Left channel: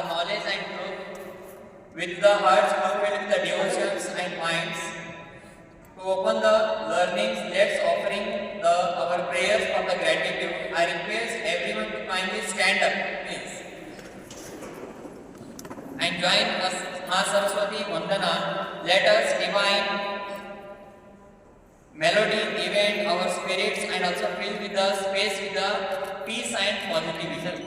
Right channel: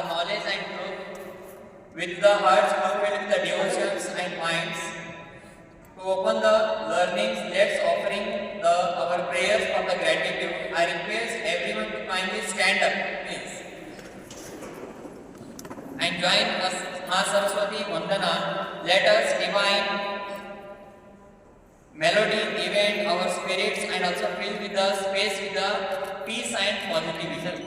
the knowledge and truth, with the hearts fulfilled with the devotions and minds. To open the learnings, let's offering our prayers for the gratitude. I request everyone to kindly stand up, please, and join us, Ma Saraswati Vandana. Let us divine melody event our spirits and also fill with the space with the peace and positivity.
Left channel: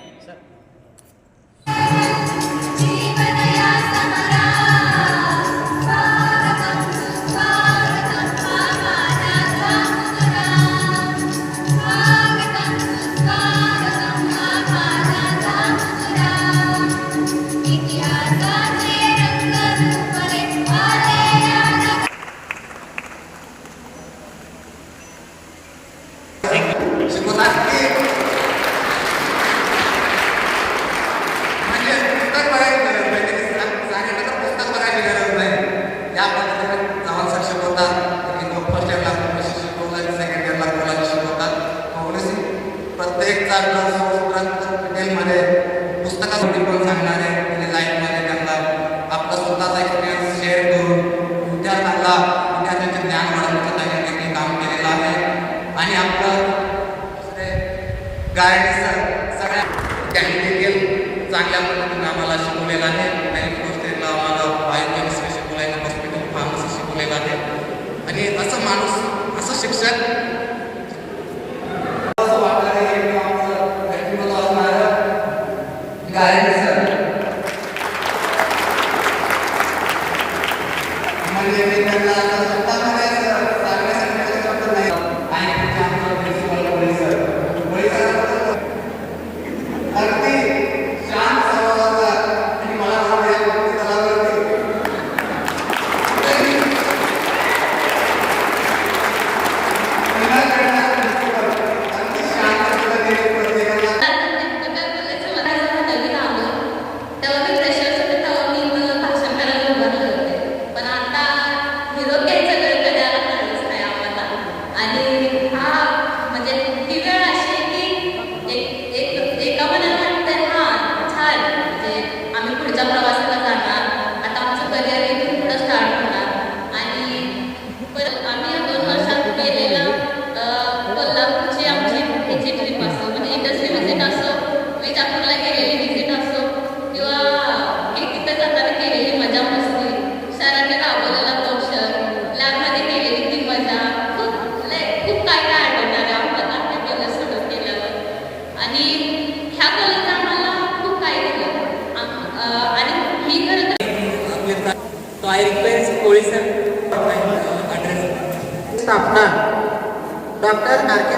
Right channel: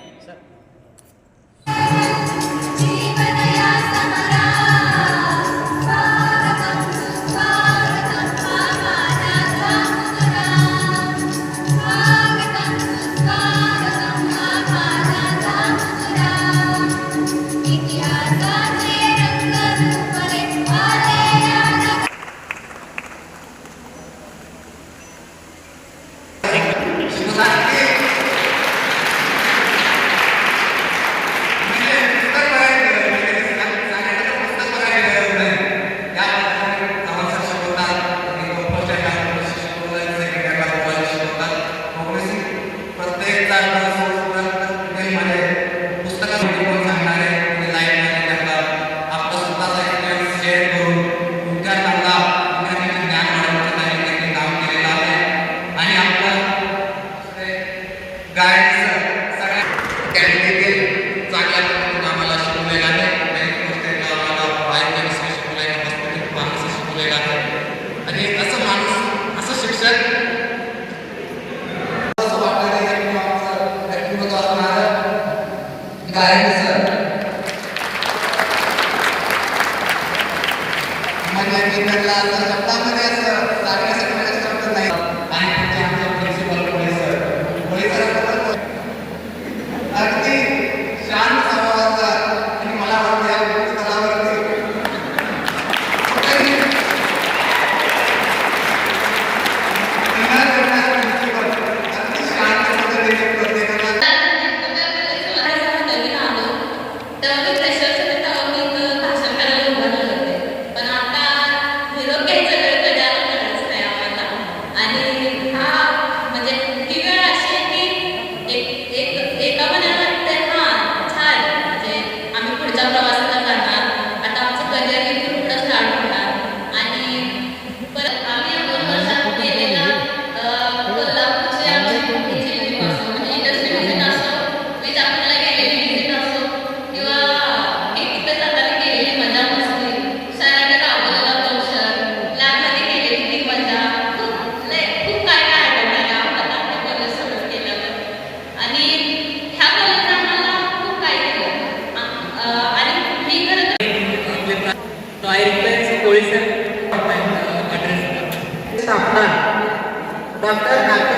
Doctor नाट्य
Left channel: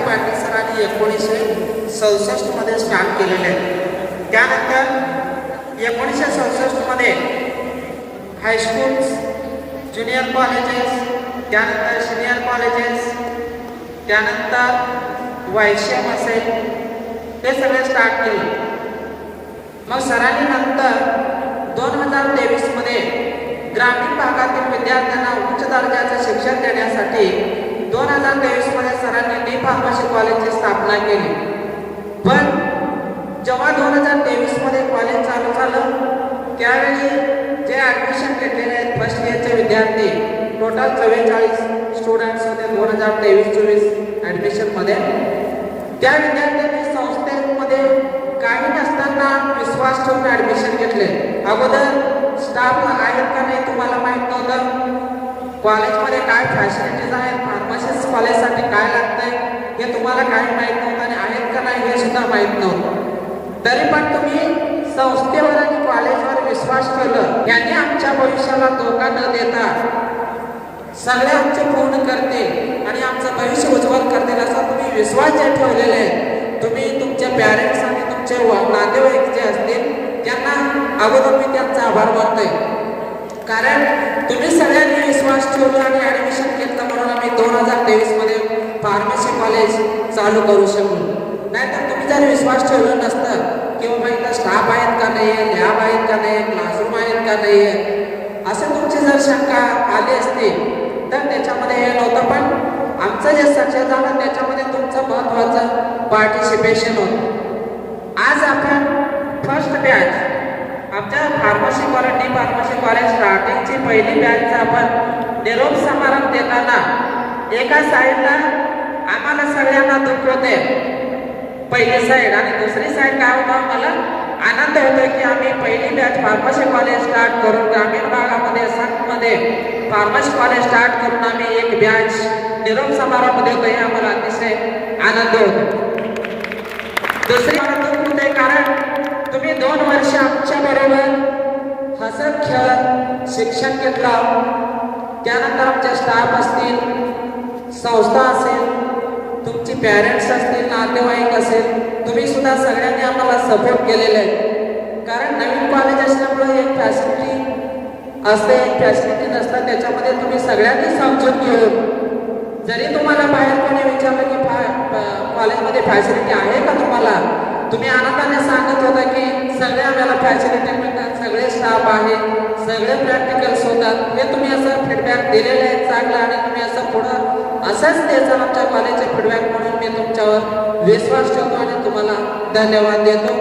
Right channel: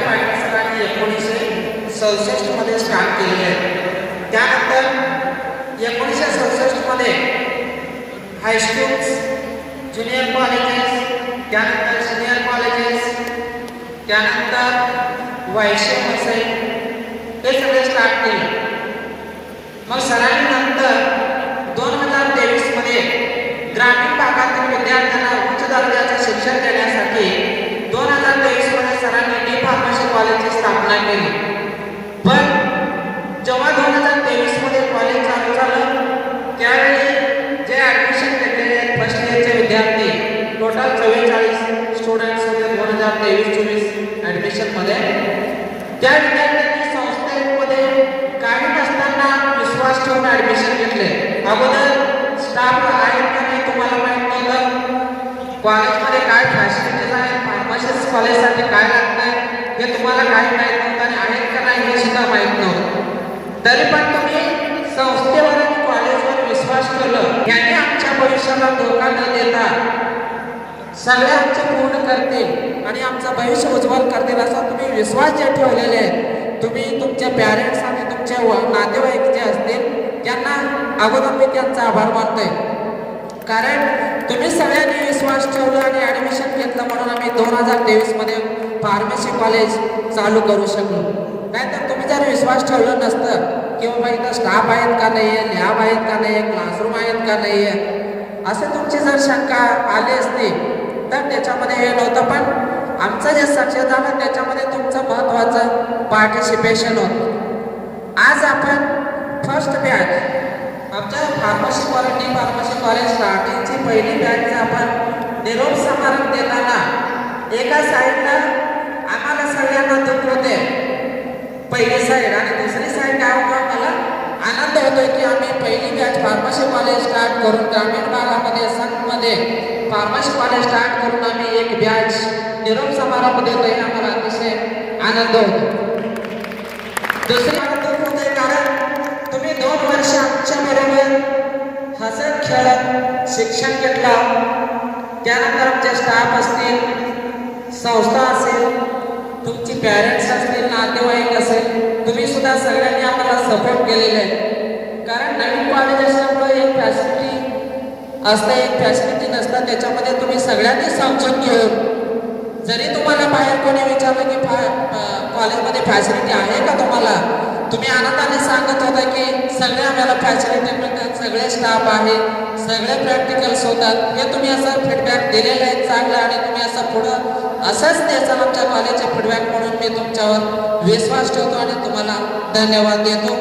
पाटील 1967 मध्ये start केलेले आहे. त्यानंतर 1967 मध्ये high schools, junior colleges, त्यानंतर senior colleges, त्यानंतर वायशम असेल ते सगळे स्टार्ट केले. मग सरांनी नंतर 2023 मध्ये ग्रामीण भागातील विद्यार्थ्यांना उच्च दर्जाचे शिक्षण देण्यासाठी 2023 मध्ये सरांनी डी फार्मसी कॉलेजची स्थापना केली. पण जेव्हा 2023 मध्ये कॉलेज चालू झालं त्यावेळी जे ॲडमिशन घेतलेले आहेत फर्स्ट इयरचे विद्यार्थी टोटल 44 स्टुडंट्स होते 2023-24 ॲडमिशनमध्ये. त्या विद्यार्थ्यांनी संस्थेमध्ये काही नसताना विश्वास ठेवून ॲडमिशन घेतले. अगोदर स्टाफ आहेत का नाही तुम्हाला माहीत नव्हतं, कॉलेजमध्ये काय फॅसिलिटीज आहेत, फार्मसिस्ट कॉलेजसाठी काय लागतं हे तुम्हाला काही माहीत नव्हतं आणि आहेत का नाही हे सुद्धा माहीत नव्हतं. तरी पण तुम्ही संस्थेवर आणि कॉलेजवर विश्वास ठेवलं. याने आमच्या भविष्याला धोका न देता सगळे आमचे पूर्ण करतील आणि आमचं भविष्य उज्ज्वल करतील असा तुम्ही विश्वास जे ठेवलेले आहेत, तुम्ही तुमच्या पॅरेंट्स आणि तुमचे नातेवाईक जे असतील त्यांना अगोदर मी त्यांचा आभार मानतोय. कारण तुम्ही सगळ्यांनी विश्वास ठेवला आणि ॲडमिशन घेतलं म्हणून आम्ही 2023 मध्ये फार्मसी कॉलेज चालू करू शकलो. नाहीतर तुम्ही जर विश्वास ठेवला नसतं की बाबा इथं स्टाफ आहेत का नाही आहे, लॅब आहेत का नाही, क्लासरूम आहेत का नाही आहे, असे तुमची जर शंका आली असती तर त्याच्यामध्ये हे नव्हतं. पण आमचं जे सक्सेस झालं त्याच्यामध्ये तुमचं महत्त्वाचं पार्टिसिपेशन होतं. आज आपण फर्स्ट बॅच आमच्या फार्मसी कॉलेज स्टार्टिंगची पहिली बॅचचा आपण निरोप समारंभ देताना एका साईडला आम्हाला सगळ्यांना दुःख होते पहिली साईड आणि दुसरी साईड काय होतं मला आनंद होतोय की आम्ही पहिली बॅच फार्मसी कॉलेज स्टार्ट करून ग्रामीण भागामध्ये संतमध्ये फार्मसी कॉलेज स्टार्ट करून आम्ही एक बॅच निरोप समारंभ देतोय हे आम्हाला अतिशय आनंद होतो. दुसरी दुःख होते कारण तुम्ही 2 वर्ष आमच्या बरोबर हसत खेळत शिक्षण घेतला. त्यानंतर आमचे स्टाफ असतील, संस्था असेल, तुमची पॅरेंट्स असतील, नातेवाईक असेल, तुम्ही सुद्धा सगळ्यांनी आम्हाला सपोर्ट केलेले आहे. कारण नवीन कॉलेज असल्यामुळे एक फॅसिलिटी असते, एक फॅसिलिटी नसतं. त्याच्यामध्ये तुम्ही सगळ्यांनी समजून घेऊन जरी तुम्हाला बाहेर कोणी विचारलं की कॉलेजमध्ये फॅसिलिटी आहे का तुम्हाला, तुम्ही आनंदाने सांगत होता की सगळे आम्हाला फॅसिलिटी मिळतात, सगळे स्टाफ आहे, सगळे प्रॅक्टिकल्स होतात. हे तुम्ही असं फीडबॅक दिलेलं आहे चांगलं आणि तुम्ही असं पुढं असंच द्यायचं आमच्या कॉलेजचे फीडबॅक म्हणून मी तुमच्यावर विश्वास ठेवतो आणि तुम्हाला धन्यवाद देतो.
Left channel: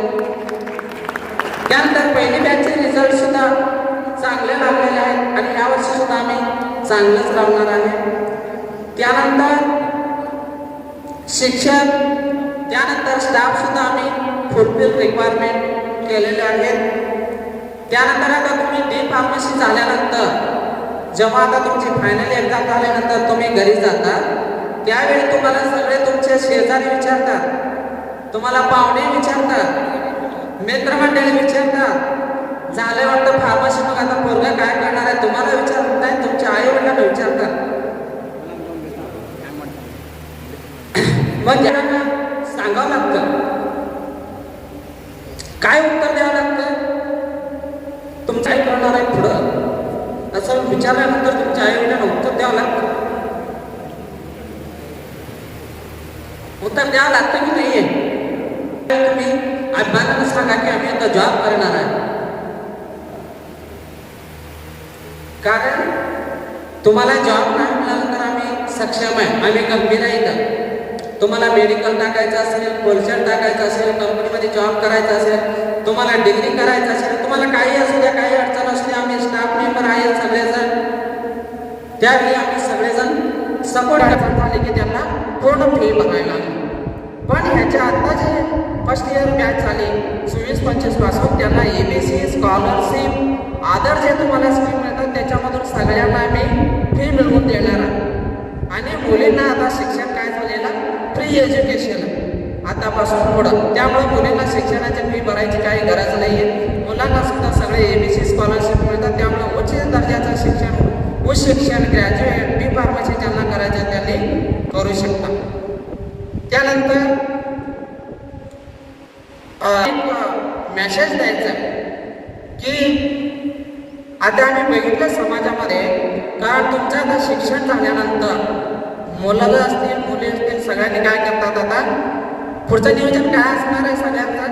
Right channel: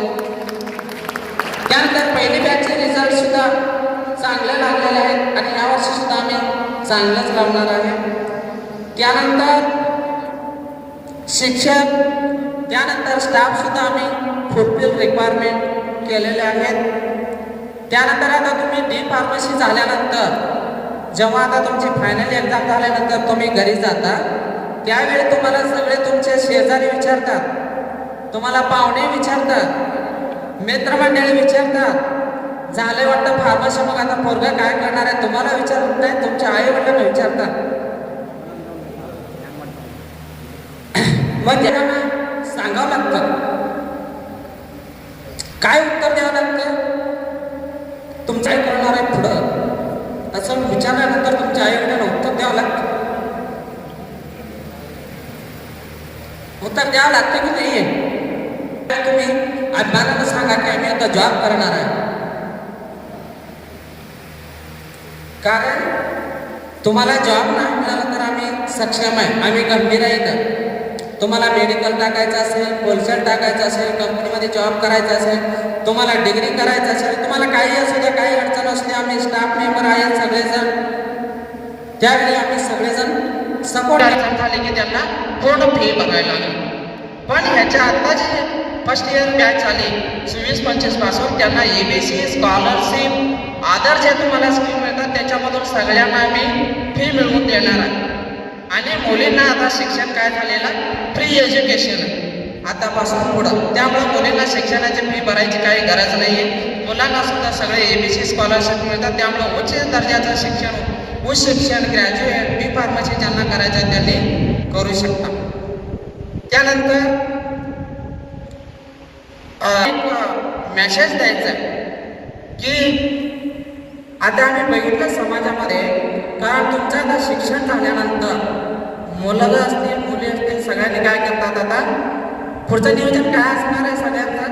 त्यानंतर पहिली बॅचचे रिझल्ट सुद्धा चांगले लागलेले आहेत आणि यावर्षी सुद्धा आम्ही चांगलंच लावणार आहे. त्यानंतर शिक्षण, त्यानंतर स्टाफ सुद्धा आम्ही फुलफिल रिक्वायरमेंट केलेले आहेत. त्यानंतर आता तुम्ही डी फार्मसी झाल्यानंतर जेव्हा आता तुमची फायनल एक्झाम झाल्यानंतर तुम्ही घरी जाता त्यावेळी तुम्हाला सगळे तुमचे शेजारी विचारतात, तुम्हाला पाहुणे विचारतात, मित्रमंडळी विचारतात, झाले वाटतं फार्मसी मग आता पोरगं काय करणार आहे तुम्हाला विचारत नाही, तुमच्या आई वडिलांना विचारतात. मग त्यांना सांगावं लागतं, काय उत्तर द्यावं लागतं, तुमचं आई करणार आहे पुढं असं विचारल्यानंतर तुमच्या आई वडिलांना उत्तर द्यावं लागतं. उत्तर द्यावं लागतं की नाहीये? तुम्ही अभिमानानं सांगा की आम्ही आता जॉब करणार आहे. कारण तुम्हाला जॉब नाही मिळाला तर आम्ही सक्षम आहे, आम्ही गंभीर आहे. तुम्हाला मेडिकल टाकायचं असेल, होलसेल टाकायचं असेल, कंपनीमध्ये जॉब करायचा असेल, तुम्हाला डिग्री करायचं असेल, तुम्हाला काही असू द्या, काही अडचण असते, आम्ही स्टाफ मेंबर आहेत सगळेजण, त्यावेळी आम्ही सगळेजण सपोर्ट झाले की त्यांना पूर्ण फी बघायला लागली. पण ह्याच्या आता जे फर्स्ट इयर बॅच झाली 24-25 पासून त्यांना ABC स्कॉलरशिप अदर जे तुम्हाला स्कीम मिळतात त्याच्यामधून सगळ्यांना आम्ही फी मिळवून देणार आहे. आणि मुलींना आता शिक्षण काय झालेलं फ्री एज्युकेशन आतापासून पुढं, त्यामुळे मुलींना शिक्षणाची फी भरायची काही गरज नाही. मुलांना सुद्धा सगळे ABC स्कॉलरशिप मिळतात. त्यामुळे उच्च दर्जाचं शिक्षण, उच्च शिक्षण, ग्रॅज्युएट, बी फार्मसी ज्यांना करायचं त्यांनी करू शकतात. त्यानंतर मेसेज द्यायचा की आता आम्ही बघितलं समाजामध्ये, कारण तुमचं आता शिक्षण झाल्यानंतर मुलं असतील, मुली असतील, सगळ्यांनी काय करतात आता पुढचं नियोजन काय असणार आहे सगळ्यांचं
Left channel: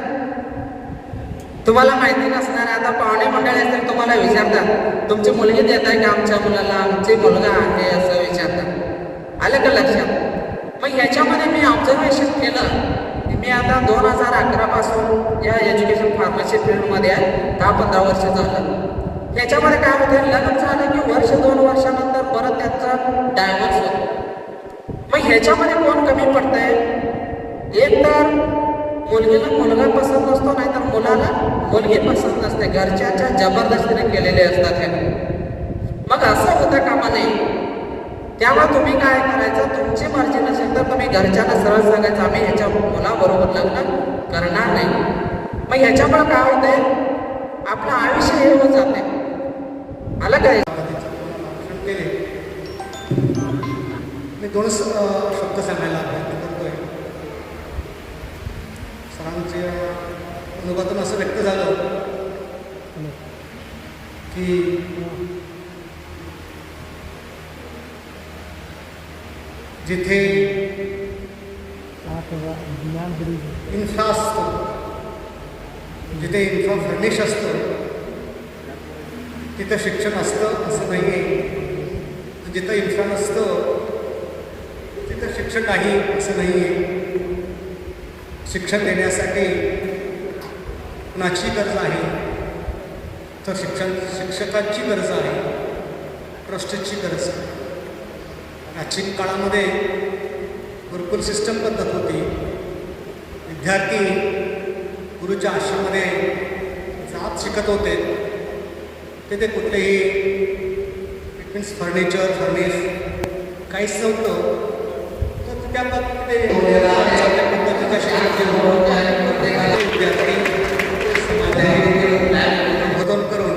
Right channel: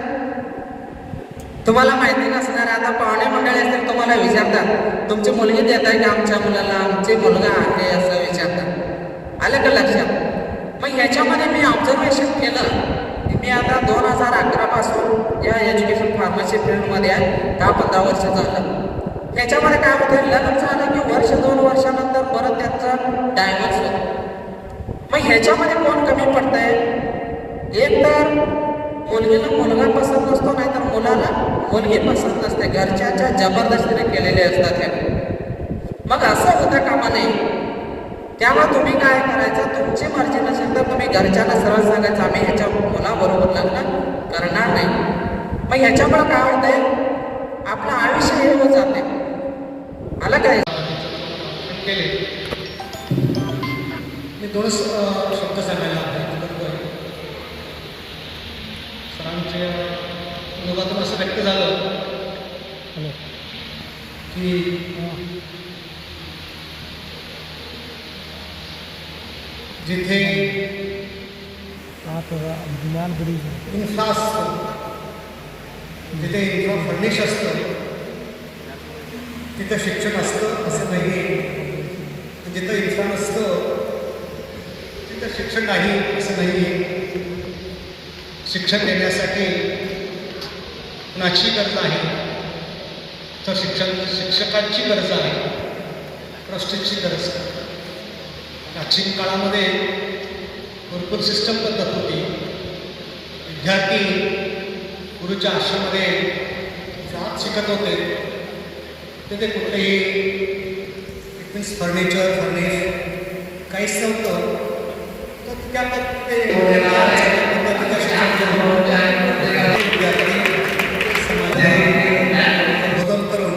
तुम्हाला माहिती नसणार आहे. आता पाहुणे मंडळी असतील तुम्हाला विचारतात तुमची मुलगी देत आहे का आमच्या मुलाला, आमची मुलगा आहे असं विचारतात. आलं का लक्षात? मग याच्यामध्ये मी ऑब्झर्वेशन केलं. मी आता 2011 पासून या एज्युकेशन फार्मसी फील्डमध्ये आहे, 10-15 वर्ष झालं. याच्यामध्ये काय होतं, लग्न झालं की वर्ष 2 वर्षानंतर परत त्यांचं डायव्हर्स होतं. मग ह्याच्यामध्ये कोण कमी पडतंय? एक तर मुलगीला मुलगा पसंत नसतो, नाही तर मुलाला मुलगी पसंत नसते, घरच्यांच्या जबरदस्तीने केलेले असतात लग्न. मग असं होतं कामा नये. त्यामुळे तुम्ही काय करायचं, तुमची मर्जी नसेल तर तुम्ही घरच्यांना सरळ सांगायचं आम्ही ह्याच्या मुलाबरोबर लग्न करणार नाही. मग ह्याच्यामुळे काय होते, आपलं आयुष्य हे होत जाते. मला काय मी 2 शब्द सांगायला सरांच्या अनुभवातून असं व्यक्त झालं की जिथे इन्फ्रा असतं, जिथे इन्फ्रा फर्निश असतं तिथे शिक्षण असतं असं नाही. जिथं इन्फ्रा नसतं तिथं शिक्षण नाही असं नाही. शिक्षण देण्यासाठी कुणाची गरज आहे, तर शिक्षकांची गरज आहे, ट्रस्टीची गरज आहे. प्राचीन काळामध्ये गुरुकुल सिस्टम पद्धत होती. विद्यार्थी गुरुच्या आश्रमामध्ये जात शिकत होते. तिथे कुठलेही मीन्स फर्निचर काहीच नव्हतं. तर त्या पद्धतीने संबोधन करून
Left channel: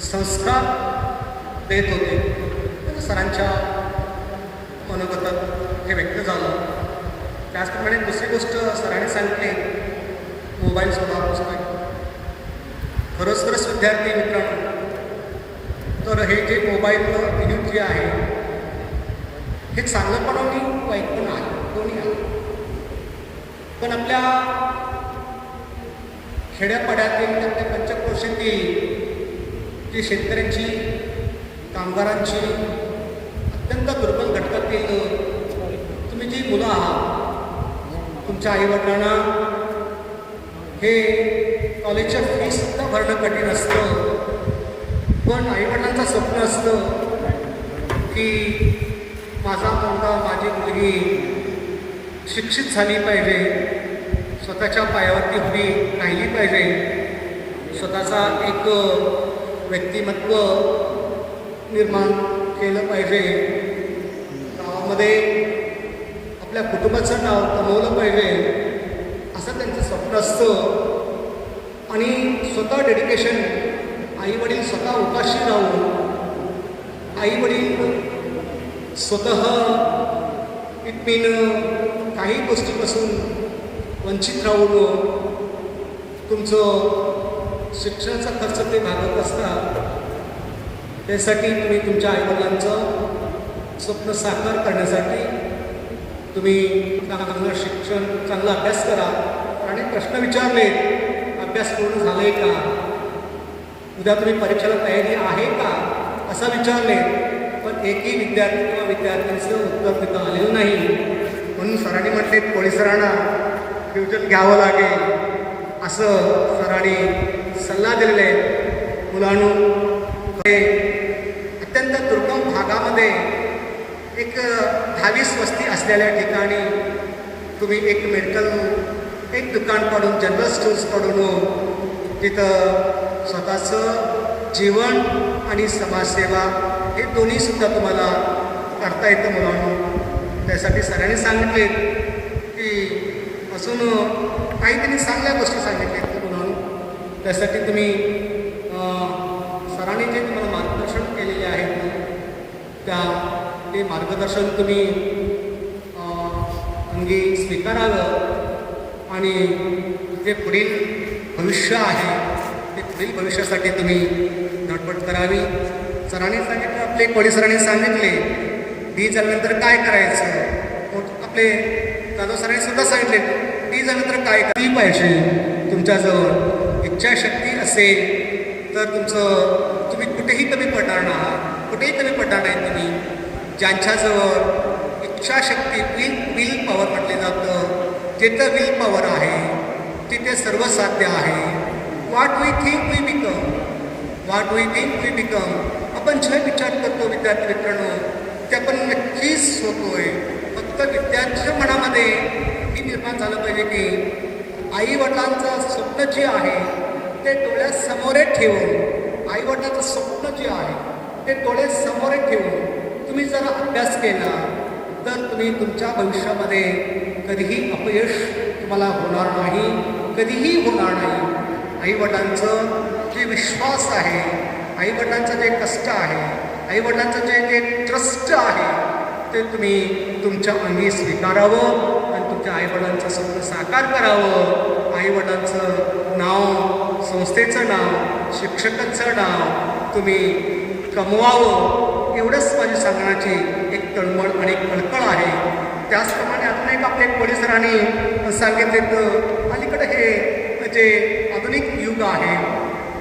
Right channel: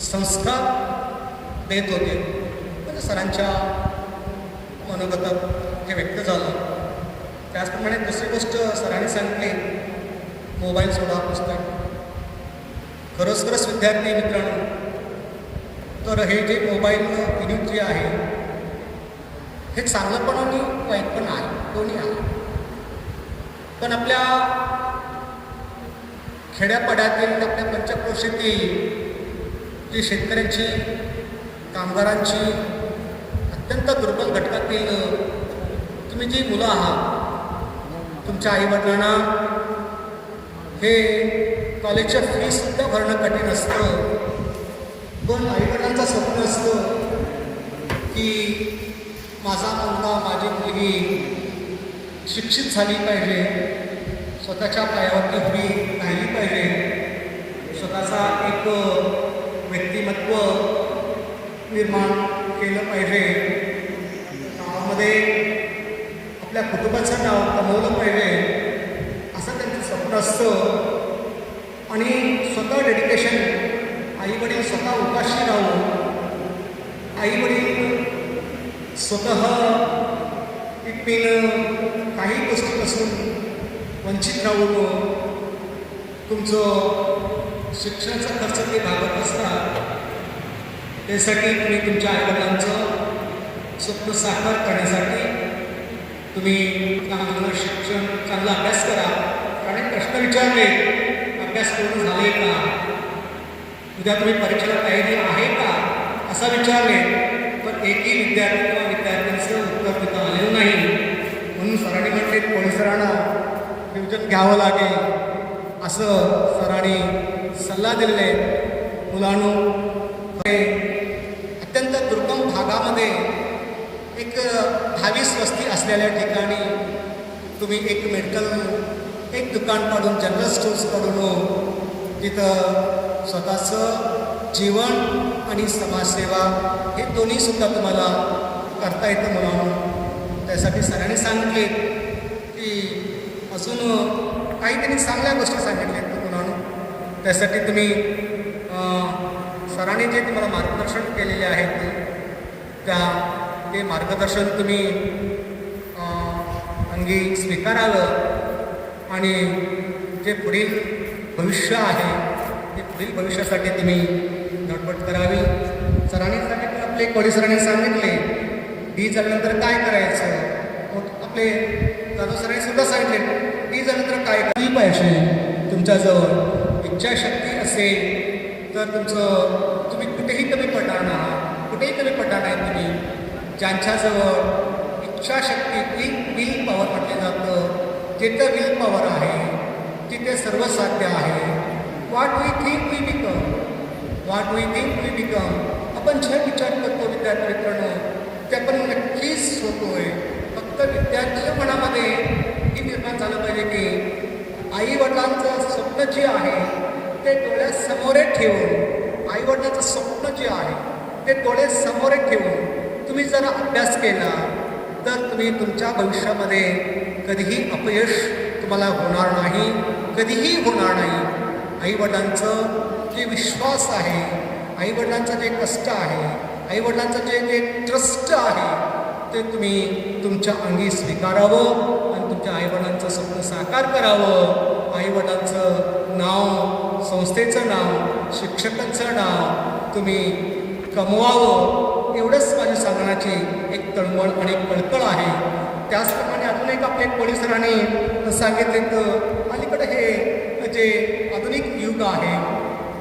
संस्कार देत होते. तर सरांच्या मनोगतात हे व्यक्त झालं. त्याचप्रमाणे दुसरी गोष्ट सरांनी सांगितली, मोबाईल सोडा पुस्तक. खरोखरच विद्यार्थी मित्रांनो, तर हे जे मोबाईलवर यूज जे आहे हे चांगलं पण आणि वाईट पण आहे, दोन्ही आहे. पण आपल्या खेड्यापाड्यातील आपल्या पंचक्रोशीतील जी शेतकऱ्यांची, कामगारांची, अत्यंत दुर्बल घटकातील तुम्ही जी मुलं आहात, तुमच्या आईवडिलांना हे कॉलेजच्या फीसुद्धा भरणं कठीण असतं. पण आईवडिलांचं स्वप्न असतं की माझा मुलगा, माझी मुलगी शिक्षित झाली पाहिजे, स्वतःच्या पायावरती उभी राहिली पाहिजे, स्वतःचा एक व्यक्तिमत्व निर्माण केलं पाहिजे, गावामध्ये आपल्या कुटुंबाचं नाव कमवलं पाहिजे, असं त्यांचं स्वप्न असतं. आणि स्वतः डेडिकेशन, आईवडील स्वतः उपाशी राहून, आईवडील स्वतः पिकपिन काही गोष्टीपासून वंचित राहून तुमचं शिक्षणाचा खर्च ते भागत असतात. त्यासाठी तुम्ही तुमच्या आईवडिलांचं स्वप्न साकार करण्यासाठी तुम्ही चांगलं शिक्षण, चांगला अभ्यास करा. आणि प्रश्न विचारले, अभ्यास पूर्ण झाले का, उद्या तुम्ही परीक्षेला तयारी आहे का, असं विचारले. पण एकही विद्यार्थी किंवा विद्यार्थ्यांचं उत्तर तिथं आलेलं नाही. म्हणून सरांनी म्हटले, पोलिसांना फ्युजन घ्यावं लागेल असं सरांनी सल्ला दिलेला आहे. मुलांनो, हे अत्यंत दुर्गम भागामध्ये एक 10-20 वस्ती असलेल्या ठिकाणी तुम्ही एक मेडिकल एक दुकान काढून, जनरल स्टोर्स काढून तिथं स्वतःचं जीवन आणि समाजसेवा हे दोन्हीसुद्धा तुम्हाला करता येतं मुलांना. त्यासाठी सरांनी सांगितले की अजून काही त्यांनी चांगल्या गोष्टी सांगितल्या मुलांना. त्यासाठी तुम्ही सरांनी जे तुम्हाला मार्गदर्शन केलेले आहेत ते मार्गदर्शन तुम्ही अंगी स्वीकारावं. आणि जे पुढील भविष्य आहे ते पुढील भविष्यासाठी तुम्ही धडपड करावी. सरांनी सांगितलं, आपले कोळी सरांनी सांगितले, डी झाल्यानंतर काय करायचं. आपले जाधव सरांनी सुद्धा सांगितले, डी झाल्यानंतर काय करायला पाहिजे. तुमच्याजवळ इच्छाशक्ती असेल तर तुम्ही कुठेही कमी पडणार नाही, कुठेही कमी पडणार नाही. तुम्ही ज्यांच्याजवळ इच्छाशक्ती, विल पॉवर म्हटलं जातं, जिथं विल पॉवर आहे तिथे सर्व साध्य आहे. What we think we become. आपण जे विचार करतो विद्यार्थी मित्रांनो, त्यातून नक्कीच होतोय. फक्त विद्यार्थ्यांच्या मनामध्ये ही निर्माण झालं पाहिजे की आईवडिलांचं स्वप्न जे आहे ते डोळ्यासमोर ठेवून, आईवडिलांचं स्वप्न जे आहे ते डोळ्यासमोर ठेवून तुम्ही जर अभ्यास केला तर तुम्ही तुमच्या भविष्यामध्ये कधीही अपयश तुम्हाला होणार नाही, कधीही होणार नाही. आईवडिलांचं जे विश्वास आहे, आईवडिलांचं जे कष्ट आहे, आईवडिलांचं जे ट्रस्ट आहे ते तुम्ही तुमच्या अंगी स्वीकारावं आणि तुमच्या आईवडिलांचं स्वप्न साकार करावं. आईवडिलांचं नाव, संस्थेचं नाव, शिक्षकांचं नाव तुम्ही कमवावं, एवढंच माझी सांगण्याची एक तळमळ आणि एक कळकळ आहे. त्याचप्रमाणे अजून एक आपल्या पोलिसांनी सांगितले तर अलीकडे हे जे आधुनिक युग आहे,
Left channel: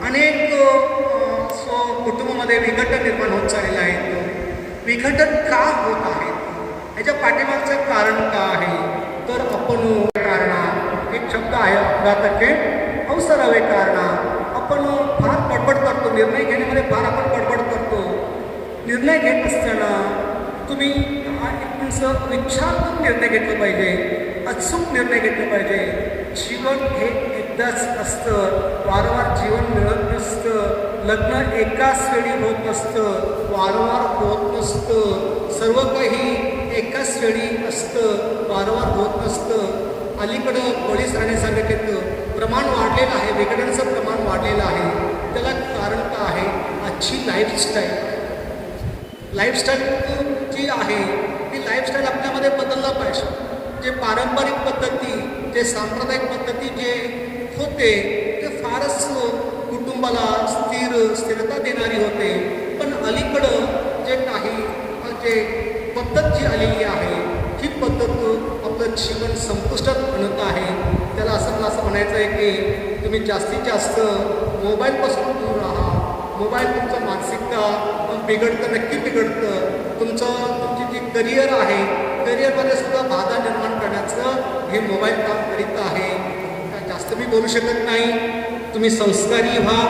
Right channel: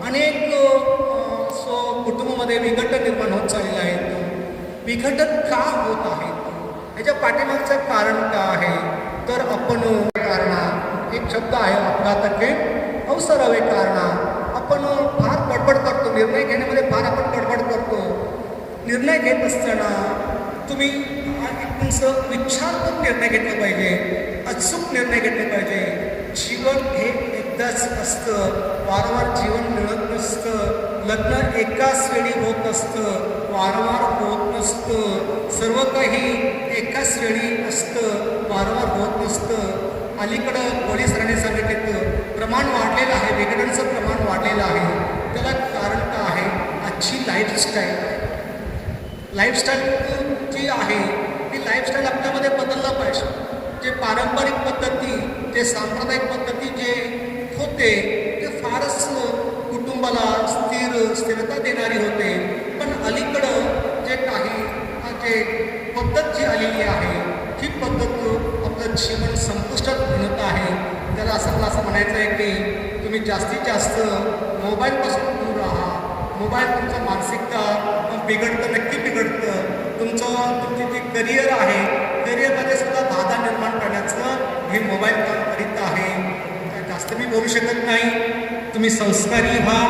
अनेक कुटुंबामध्ये विघटन निर्माण होत चाललेलं आहे. विघटन का होत आहे, याच्या पाठीमागचं कारण का आहे, तर आपण कारणा एक शब्द आहे अपघाताचे अवसरावे कारणा. आपण फार पडपड तुम्ही तुमचं विचार करून निर्णय घेतले पाहिजे, अचूक निर्णय घेतले पाहिजे. जीवन हे एकदाच असतं, वारंवार जीवन मिळत नसतं. लग्न एकाच वेळी होत नसतं, वारंवार होत नसतं. सर्व काही एकाच वेळी असतं, वारंवार होत नसतं. अलीकडं पोलीस ठाणे सांगत येतं प्रमाण वाढलेलं आहे, विघटनाचं प्रमाण वाढलेलं आहे. त्याला कारण काय आहे? आजची लाईफस्टाईल जी आहे ती लाईफस्टाईल आपल्यामध्ये बदलला पाहिजे. जे पारंपरिक पद्धती, जे सांप्रदायिक पद्धती जे होते ते फारच कुटुंबाला स्थिरता देणारी होते. पण अलीकडं जे काही जे पद्धत जी आलेली आहे ही पद्धत आपलं जीवन संपुष्टात आणत आहे. त्याला असं म्हणायचं आहे की तुम्ही जास्तीत जास्त मोबाईलपासून दूर राहा. मोबाईल तुमचं मानसिकता बिघडतं, नक्की बिघडतं. तुमची जी करिअर आहे, करिअरमध्ये सुद्धा बाधा निर्माण करण्याचं हे मोबाईल काम करीत आहे. जास्त मी बोलू शकत नाही. तुम्ही संस्कारी व्हा.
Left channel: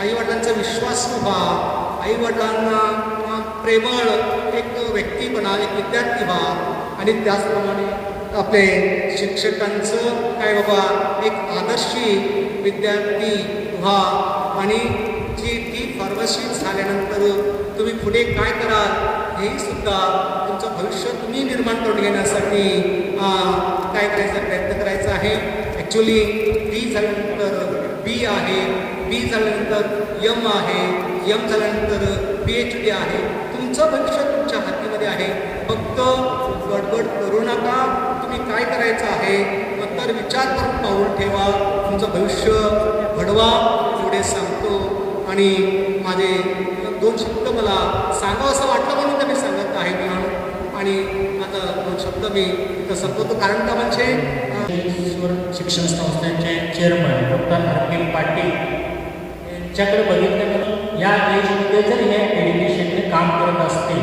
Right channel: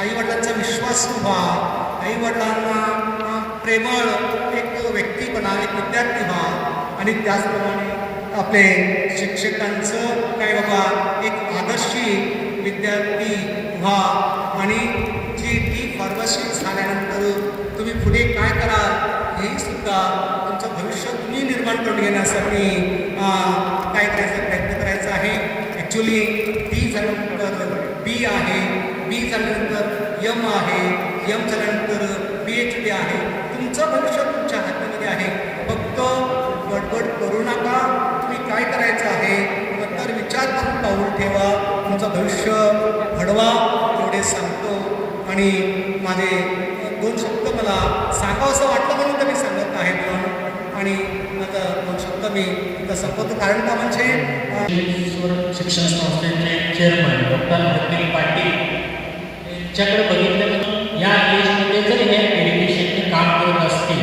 आईवडिलांचा विश्वास व्हा. आईवडिलांना प्रेमळ एक व्यक्ती बना, एक विद्यार्थी व्हा. आणि त्याचप्रमाणे आपले शिक्षकांचं काय बाबा एक आदर्शी विद्यार्थी व्हा. आणि जी फार्मसी झाल्यानंतर तुम्ही पुढे काय कराल हेही सुद्धा तुमचं भविष्य तुम्ही निर्माण करून घेण्यासाठी काय करायचा प्रयत्न करायचा आहे. ॲक्च्युली डी झाल्यानंतर बी आहे, बी झाल्यानंतर यम आहे, यम झाल्यानंतर PhD आहे. तुमचं भविष्य तुमच्या हातामध्ये आहे. फक्त गडबड करू नका. तुम्ही काय करायचं आहे तर विचार करून पाऊल ठेवा. तुमचं भविष्य घडवा एवढे सांगतो. आणि माझे 2 शब्द मला सांगावं असं वाटलं म्हणून मी सांगत आहे. आणि आता 2 शब्द मी इथं संपवतो. कारण का म्हणजे शिक्षण संस्थेचे चेअरमन डॉक्टर वकील पाटील यांच्याकडे बघितलं या एजमध्ये जर हे एज्युकेशनचे काम करत असतील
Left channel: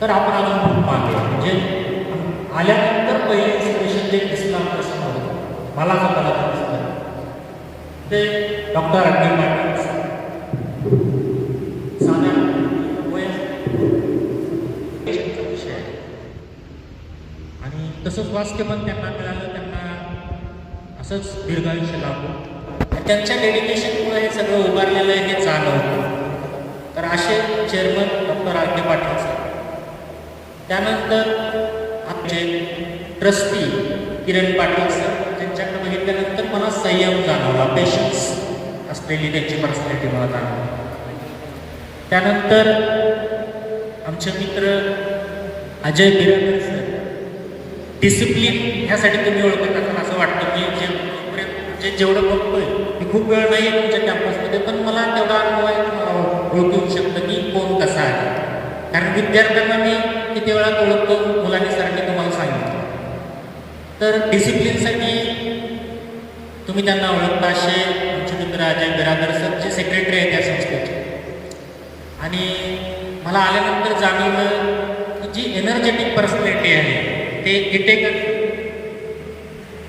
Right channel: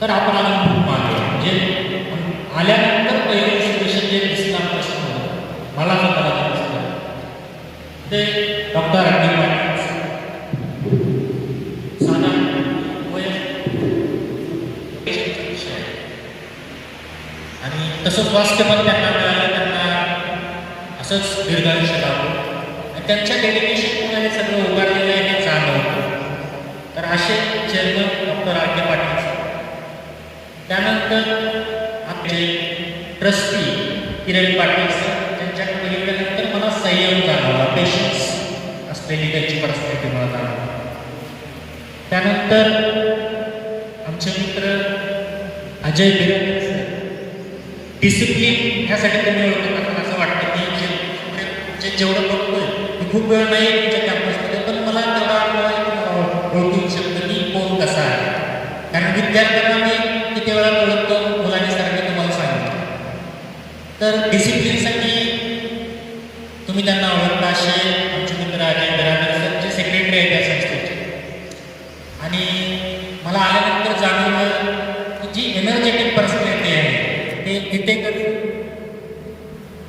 तर आपल्याला खूप मागे म्हणजे आल्यानंतर पहिलं एज्युकेशन जे दिसणार प्रश्न होतं मला जो करायचं असतं ते डॉक्टर वकील पाटील आणि तसंच स्वास्थ्य पण त्यांना मिळालं. त्यांना असंच दीर्घायुष्य लाभलं. त्यांच्या डेडिकेशनमुळे सगळं उभारलेलं आहे हे जाणवतं. तर असे चेअरमन डॉक्टर आर के पाटील सर. त्यानंतर आपले ट्रस्टी किरण पाटील सर त्यांच्याकडे बघितल्यानंतर मला संयम जाणवला, पेशन्स असलेली त्यांची पर्सनॅलिटी मला जाणवली. त्यानंतर आमचे मित्र अजय बिरादर सर. डिसिप्लिन ह्यासाठी तुम्ही ओळखत असं वाटतं की जेवढं बघतो मी खूप वेळ नाही तुमच्या कॅम्पसमध्ये, पण मला तेवढा ओळखू शकतं की कोण कसा आहे. कारण विद्यार्थ्यांना मी किती वेळा ओळखतो मुलांसारखं तुम्हाला सांगतो. तर डिसिप्लिनसाठी तुम्ही त्यांना ओळखता असे आमचे मित्र अजय बिरादर सर जे सेक्रेटरी आहेत त्या संस्थेचे. आणि मला आल्यानंतर जाणवलं की जी एनर्जेटिक पर्सनॅलिटी आहे ते इथे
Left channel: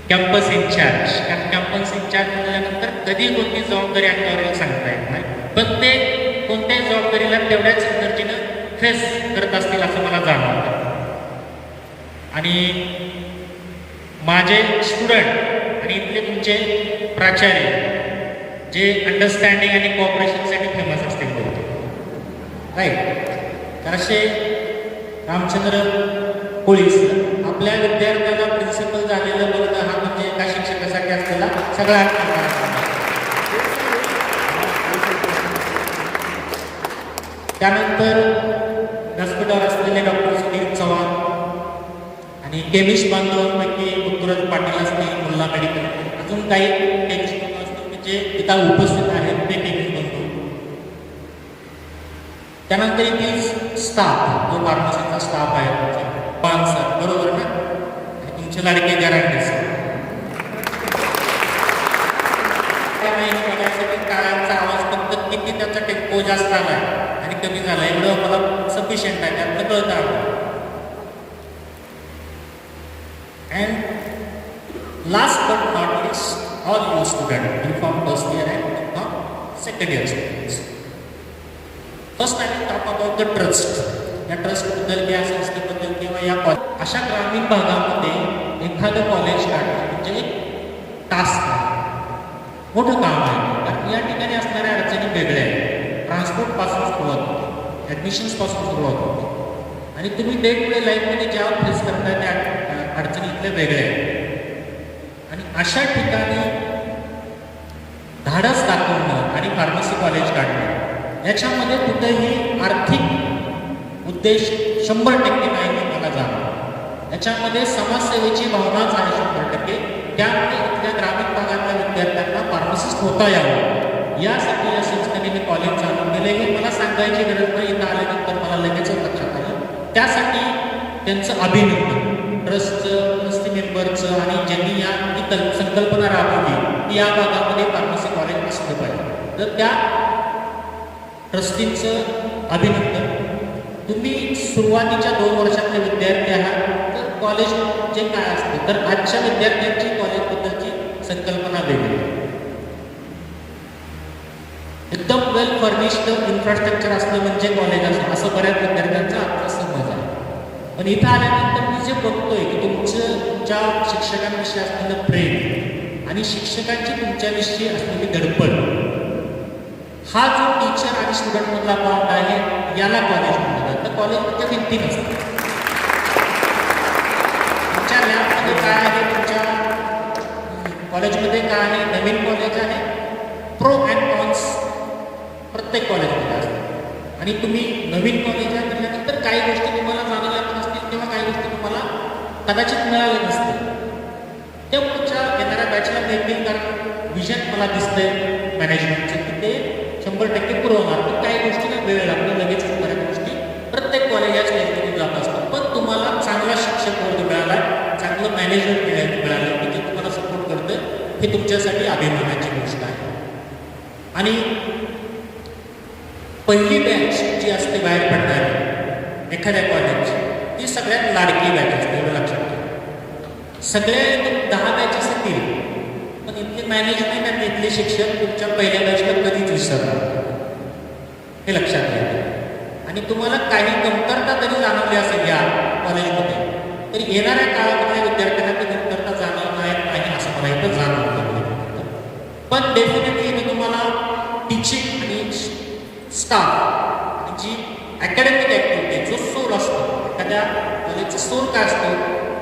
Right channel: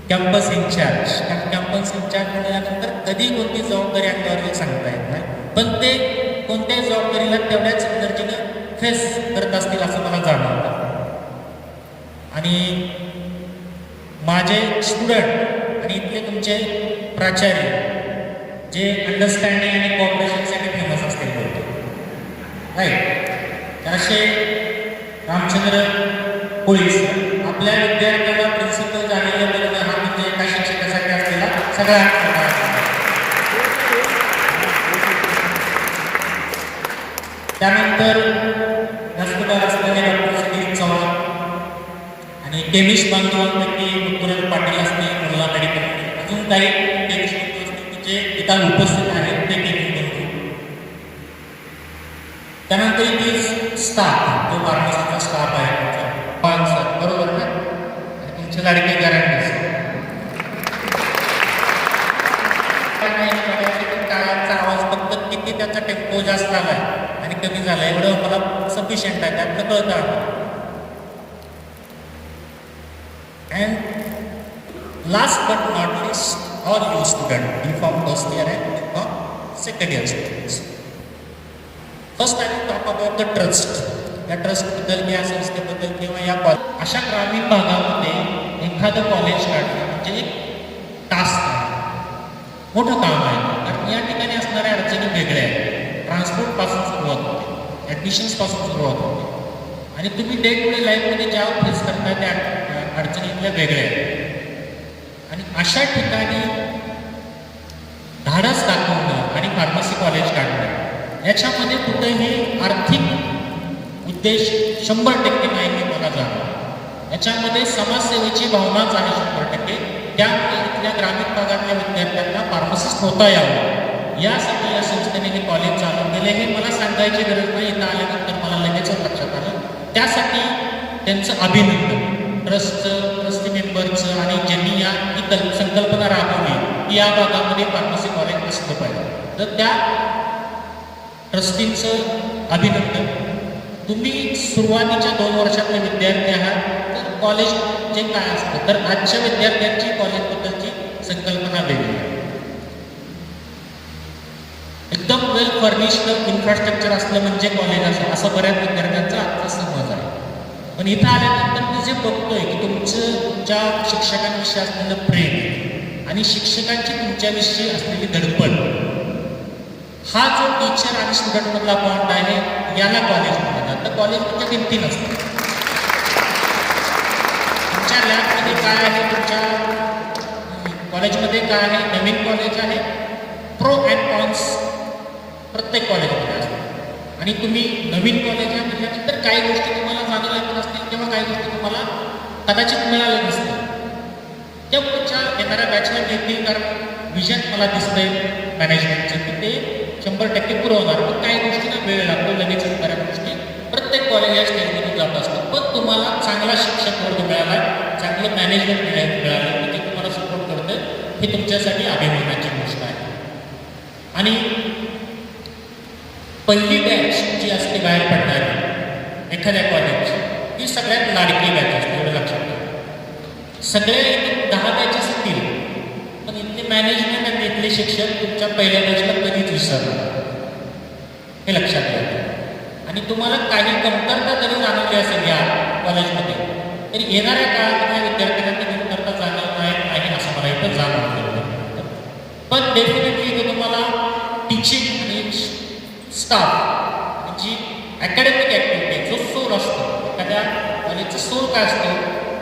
कॅम्पस इंचार्ज. कारण कॅम्पस इंचार्ज म्हटल्यानंतर कधी कोणती जबाबदारी आपल्याला सांगता येत नाही, पण ते कोणत्याही जबाबदारीला तेवढ्याच एनर्जीनं फेस करत असतील असं मला जाणवतं. आणि माझे स्टुडंट आणि इथले तुमचे प्राचार्य जे अंडरस्टँडिंग आणि कॉपरेशनसाठी फेमस असतील राईट. तर असे रामचंद्र पोलीस आपल्या विद्यार्थ्याला प्रिन्सिपल झालेल्याबरोबर हा म्हणजे एका शिक्षकासाठी असलेला सगळा. त्यानंतर हॉस्पिटल असलेले डॉक्टर सुधीर चव्हाण आणि केमिस्ट बांधवांपैकी गुरुराज पाटील असतील, मुल्ला मेडिकल, अजून काही केमिस्ट बांधव असतील जे इथं उपस्थित आहेत ते केमिस्ट बांधव. त्यानंतर इथे स्टाफ जो फार्मसीचा स्टाफ आहे पान सर बरोबर ना, तुमचे लाडके गॅरंटी सर. काय माहिती पडायचं की काळाचा आवाज फक्त किती त्याचा टेम्पो जास्त आला आणि कमी झाला एवढं मला सफिशियंट आहे त्यातलं कळतं आहे. And last but not list all you student inform first year and second year students. First I will talk about the trust. या ट्रस्टबद्दल, या संस्थेबद्दल किंवा या अशा ग्रामीण भागामध्ये एखादं कॉलेज काढणं म्हणजे एक टास्क आहे, मोठं काम आहे. कारण या ठिकाणी असणाऱ्या अडचणी वेगळ्या आहेत. ट्रान्सपोर्टपासून सुरुवात होते, ॲडमिशन्सपासून सुरुवात होते आणि तुम्ही डे टू डे लाईफमध्ये ज्या फेस करताय त्या अडचणी इथल्या वेगळ्या आहेत. आणि अशा ठिकाणी धाडस दाखवणं आणि फार्मसी कॉलेज काढणं याच्यामध्ये कुठेही आर्थिक उद्देश 100% नाही हे मला जाणवं. याच्यामध्ये समाजसेवेची भावनाच आहे 100%. त्यामुळे इथल्या ग्रामीण भागातल्या विद्यार्थ्यांना फार्मसिस्ट होता यावं यासाठी या संस्थेने हे कॉलेज चालू केले. हे मला सांगायची गरज नाही, इथं आल्यानंतर मला लगेचच लक्षात आलं. त्यासाठी त्यांचं अभिनंदन ट्रस्टचे मेंबरचं आणि ज्यांनी ही संकल्पना राबवली की या भागामध्ये फार्मसी कॉलेज असलं पाहिजे, तर त्या ट्रस्टींचं अभिनंदन. तुम्ही सुरुवातीच्या 2 वर्षातले विद्यार्थी आहात, तर कॉलेज जे काय असतं, तर आजच्या विद्यार्थ्यांची कॉलेजबद्दलची संकल्पना वेगळी आहे. एकदम वेल फर्निश्ड इन्फ्रास्ट्रक्चर असलं म्हणजे कॉलेज असं बऱ्याच विद्यार्थ्यांचा आजचा समज आहे. पण इथं आल्यानंतर मी जे बघतोय की तुमचं ज्या शिक्षकांविषयी असलेलं प्रेम आणि शिक्षकांची तुमच्याविषयी असलेली धडपड, हा जो टीचर आणि स्टुडंटमधला बॉन्ड आहे याला कॉलेज म्हणतात. तर कॉलेजमध्ये भिंती नसते. तुमच्या लॅबमध्ये काय आहे, तुमच्या कॉलेजमध्ये काय आहे, नवीन कॉलेज आहे, प्रो अँड कॉन्स प्रत्येक कॉलेजमध्ये असतात. आणि तुम्ही नवीन कॉलेज आहे म्हटल्यानंतर काही गोष्टी तुम्हाला जाणवल्या नसतील किंवा काही गोष्टी तुम्हाला कदाचित मिळाल्या नसतील. त्या तुमच्या येणाऱ्या बॅचला देखील कारण विजन मला दिसतंय मॅनेजमेंटचे की ते 100% पुरवणार. पण काही गोष्टींना वेळ लागतो, लगेच बऱ्याच गोष्टी प्रत्येक कॉलेज या स्टेजमध्ये जात असतात. पण तुम्हाला चांगला शिक्षक वर्ग मिळाला, चांगलं मॅनेजमेंट मिळालं की ते तुम्हाला सपोर्ट करतं, हे तुमच्यासाठी अभिमानाची गोष्ट आहे. आणि पहिली बॅच जी असते बाहेर पडणारी एखाद्या कॉलेजची, ती सगळ्यात लाडकी बॅच असते, एवढं लक्षात घ्या. सगळ्या 10 बॅचेस असतील, पण इथले मॅनेजमेंट आणि इथले शिक्षक तुमच्या पहिल्या बॅचला कधीच विसरणार, हे लक्षात घ्या. आणि तुम्हाला काही कमतरता जरी जाणवली असेल या कॉलेजमध्ये, तरी येणाऱ्या काळामध्ये विद्यार्थ्यांना ती कमतरता जाणवणार नाही असं मला इथं जाणवलं. पण डेफिनेटली इथं तुम्हाला टीचिंग आणि स्टाफ जी अकॅडमिक ॲक्टिव्हिटी जो सूर असतो, एखाद्या कॉलेजचं सूर काय असतं,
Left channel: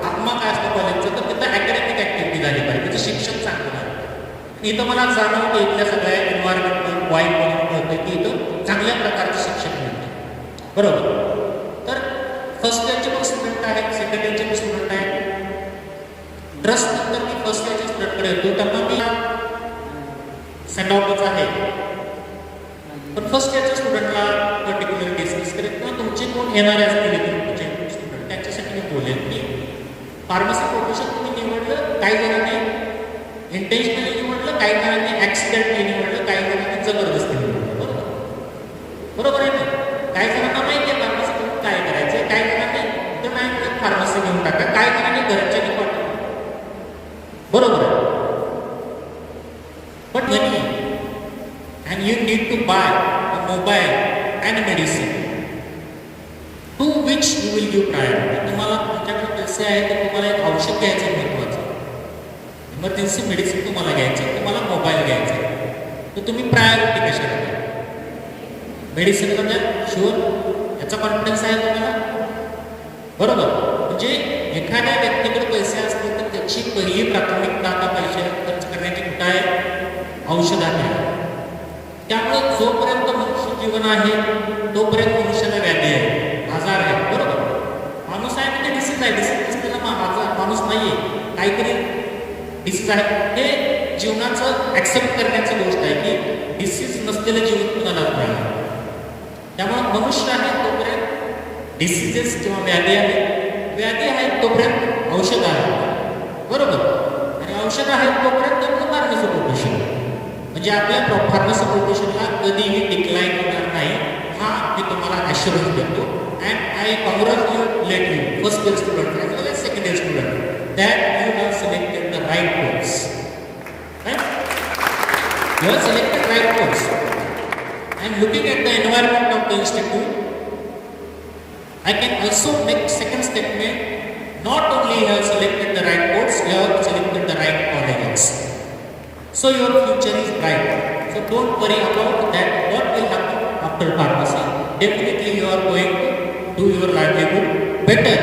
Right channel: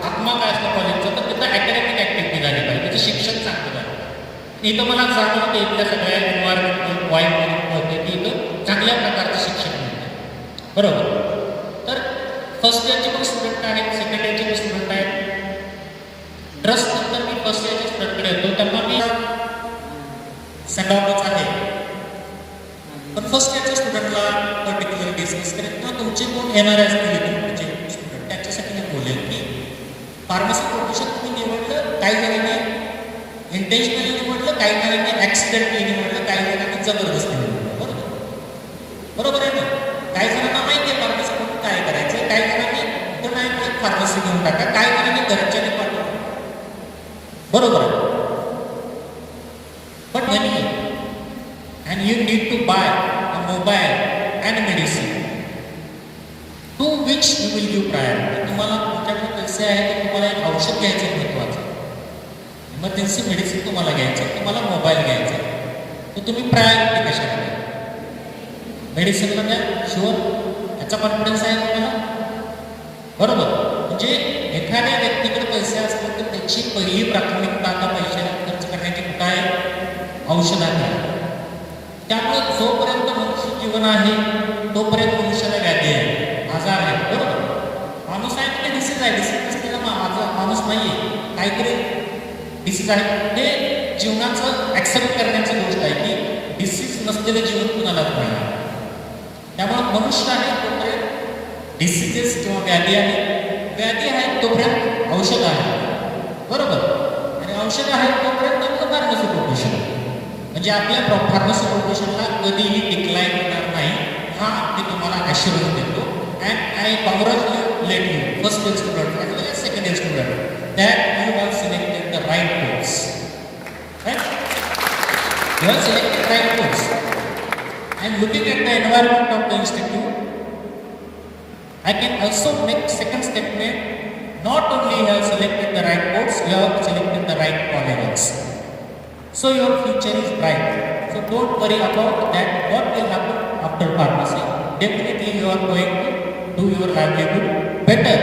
आत्मा काय असतं कॉलेजचं, तर तिथं अकॅडमिक ॲक्टिव्हिटी झाली पाहिजे, त्याचं शिक्षण चांगलं आहे. इथं मला जाणवतं इथल्या सगळ्या एन्व्हायरमेंट वाईट होते की इथं चांगल्या प्रकारचं शिक्षण मिळतं. बरोबर. तर फर्स्ट इयरचे पण स्टुडंट आहेत, सेकंड इयरचे पण स्टुडंट आहेत. ट्रस्ट नंतर मी फर्स्ट इयरच्या स्टुडंटकडे येतो, त्यांना मी सेंड ऑफच आहे. पण फर्स्ट इयरच्या स्टुडंटला पर्टिक्युलर डिस्कस करेल किंवा तुमचे कोण येणारे असतील तुमचे स्टुडंट, त्यांच्यासाठी मी बोलेन की फार्मसी प्रोफेशन तुम्ही निवडलं, काही जणांनी इंटेन्शनली निवडलं, काही जणांनी ॲक्सिडेंटली निवडलं, काही जणांनी जबरदस्ती निवडलं. बरोबर आहे ना? काही जणांना माहिती आहे फार्मसी करून काय करायचं, काही जणांनी तर नाही फार्मसी घेऊन टाका, काही जणांनी घरच्या निवडलं. बरोबर आहे. But money and you need to buy a mobile and medicine, to which you will give priority. तुम्हाला तुमच्याकडे पैसे आहे तर तुम्हाला एक औषध घ्यायचं महत्त्वाचं, इमर्जन्सी मेडिसिन तुम्हाला घ्यायचं, तुम्हाला मोबाईल घ्यायचा, तर तुम्ही प्रायोरिटी कशाला द्या? मेडिसिनमध्ये शुअर याचा कॉन्फिडन्स आहे तुम्हाला? बरोबर. म्हणजे एखाद्या व्यक्तीकडे पैसे असतील तर त्याची पहिली प्राथमिकता आता पैशाला खर्च करण्याची कुठं आहे? औषधात आहे. त्यामुळे जोपर्यंत मनुष्य जीवन आहे तोपर्यंत मनुष्याला व्याधी आहे, आजार आहे. बरोबर. माणूस आहे म्हणजे डिसीज आहे, डिसीज नसलेला माणूस नाही आहे, काहीतरी डिसीज आहे. हे जीवनाचं ॲक्सेप्ट करण्याची गोष्ट आहे की डिसीज नसलेलं जीवन कुणाला नाही. त्यामुळे मनुष्य आहे तोपर्यंत डिसीजेस किंवा व्याधी आहे, व्याधी आहे तोपर्यंत औषध आहे. बरोबर. आणि औषध आहे तोपर्यंत फार्मसी प्रोफेशन, म्हणजे आपल्या फार्मसी प्रोफेशनला कधीही डिक्लाईन होणार नाही, हा मी तुम्हाला ॲश्युरन्स देतो. And I congratulate you first year student as well as second year student that you have selected the right course. You have selected right course. And looking at the environment of the suggesting to you? I can also make second statement. Not only you have selected the right course, you have selected the right colleges. So your future is bright. So don't worry about that. What will happen after pharmacy? Definitely you are going to do your livelihood better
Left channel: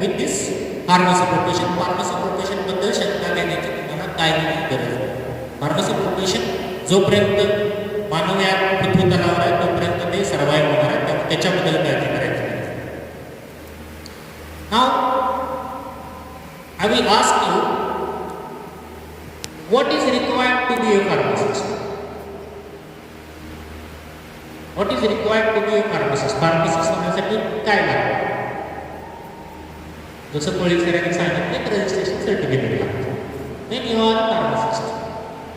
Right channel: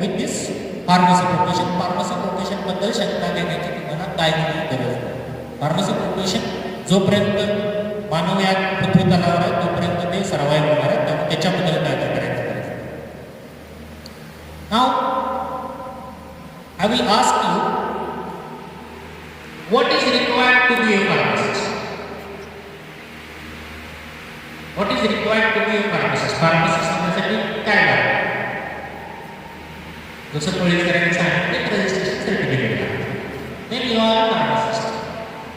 with this pharmacy profession. Pharmacy profession बद्दल शंका घेण्याची तुम्हाला काही गरज नाही. Pharmacy profession जोपर्यंत मानव या पृथ्वीतलावर आहे तोपर्यंत ते सर्वाइव्ह होणार आहे. त्यामुळे त्याच्याबद्दल काळजी करायची गरज नाही. Now I will ask you, what is required to be a pharmacist? What is required to be a pharmacist? Pharmacist होण्यासाठी काय लागतं? जसं पोलीसकरांनी सांगितलं की रजिस्ट्रेशन सर्टिफिकेट लागतं. Then you are a pharmacist.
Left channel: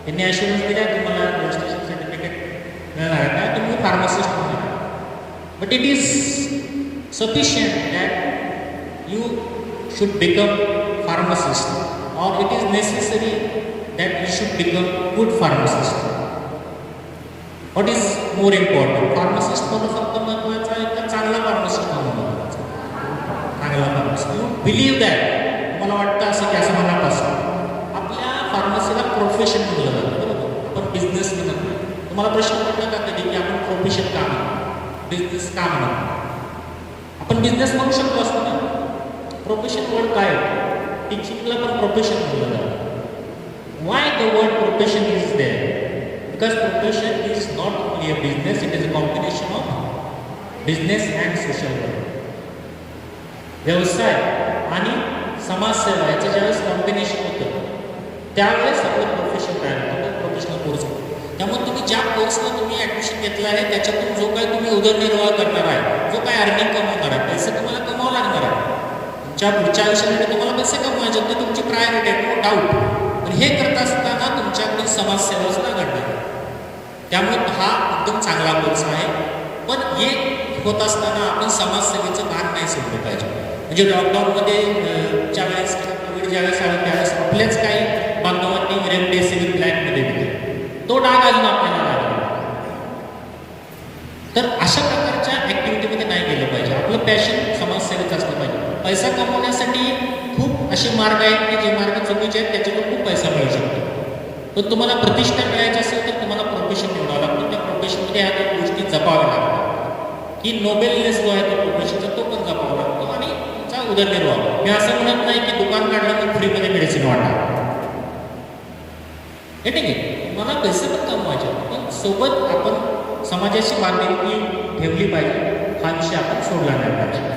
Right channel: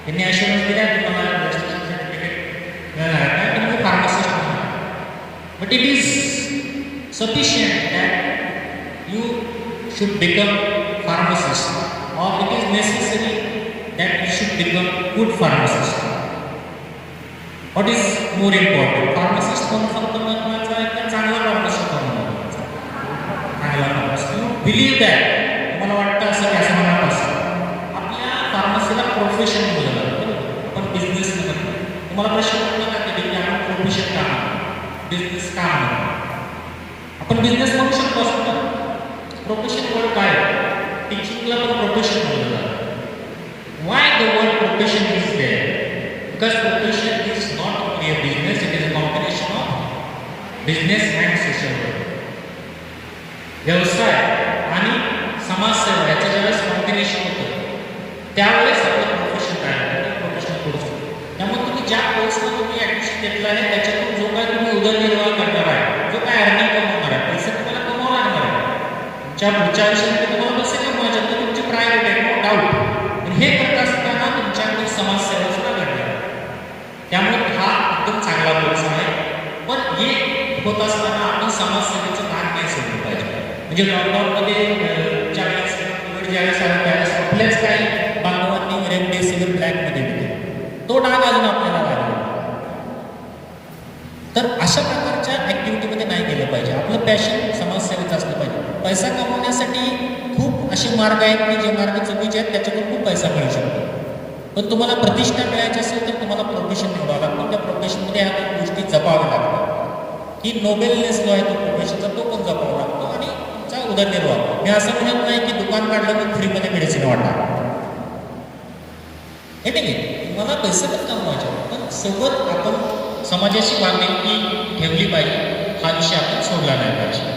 त्यांनी ॲश्युरन्स दिला की मला रजिस्ट्रेशन सर्टिफिकेट मिळणार आहे का तुम्ही फार्मासिस्ट होणार. But it is sufficient that you should become pharmacist, or it is necessary that you should become good pharmacist. What is more important? Pharmacist होणं फक्त महत्त्वाचं आहे का चांगला pharmacist होणं महत्त्वाचं आहे? चांगला pharmacist. You believe that. मला वाटतं असं की असं म्हणत असं आपल्या फार्मसीला प्रोफेशन दिलं जातं बरोबर. आपण बिझनेस म्हणत नाही. तुम्हाला प्रश्न पडला का कधी की आपण प्रोफेशन का म्हणतो, बिझनेस का म्हणतो? आपण बिझनेस म्हणू शकतो असं ना. प्रोफेशन वर्ड काय? टीचिंगला पण प्रोफेशन बोललं जातं. Why the word profession is there? Because profession is not only a business, it is a combination of business and social work. व्यवसाय आणि समाजसेवा याचं ज्यावेळेस कॉम्बिनेशन होतं त्यावेळेस आपलं प्रोफेशन काय आहे प्रोफेशनल कोर्स होतो. त्यामुळे तुम्ही ज्या कोर्सला तुम्ही ॲडमिशन घेतलं आहे त्याच्यातून जो काय तुम्ही उदरनिर्वाह करणार आहे, जो काय अर्निंग कमवणार आहे, पैसे तुम्हाला कमावं लागणार आहे. तुमच्या पुढच्या आयुष्यामध्ये तुम्हाला कसं कमवायचे तर तुमची प्रायोरिटी आहे, नो डाऊट. पण हे करत असताना तुमच्याकडे समाजसेवा सुद्धा घडली. त्यामुळे हा एकदम चांगला कोर्स आहे. पण हे होत असताना आपण समाजसेवेचं भान नाही सोडलं पाहिजे. म्हणजे लॉकडाऊनमध्ये ज्यावेळेस कोविड ज्यावेळेस आलं त्यावेळेस आपल्याच काही बांधवांनी रेमडेसिवीर ब्लॅकमध्ये दिले, तो डाग अजून आपल्याला लागला. तर अशा प्रकारच्या ॲक्टिव्हिटीमध्ये नाही गेलं पाहिजे. आपलं पॅशन समाजसेवेचं असलं पाहिजे. पैसा कमवण्यासाठी खूप असे मार्ग आहेत की जे मार्ग चुकीचे आहेत त्याच्यातून खूप पैसा मिळू शकतो. पण तुम्हाला प्रतिष्ठा मिळायची असेल तर तुम्हाला प्रोफेशन निवडावं लागतं. त्या प्रोफेशनमध्ये ह्या दोन गोष्टी जपाव्या लागतात. की नोबेलनेस जो आहे तो प्रोफेशनचा तो पण जपावा लागतो आणि तुमचा उदरनिर्वाह. मी असं म्हणत नाही की दुकान काढलं की फ्रीमध्ये मेडिसिन वाटा, हे ठीक आहे, मला पैसे पण कमवायचे पण सोबत आपण समाजाशी बांधिलकी ठेवली पाहिजे. हा विषय आपण सोडला नाही पाहिजे.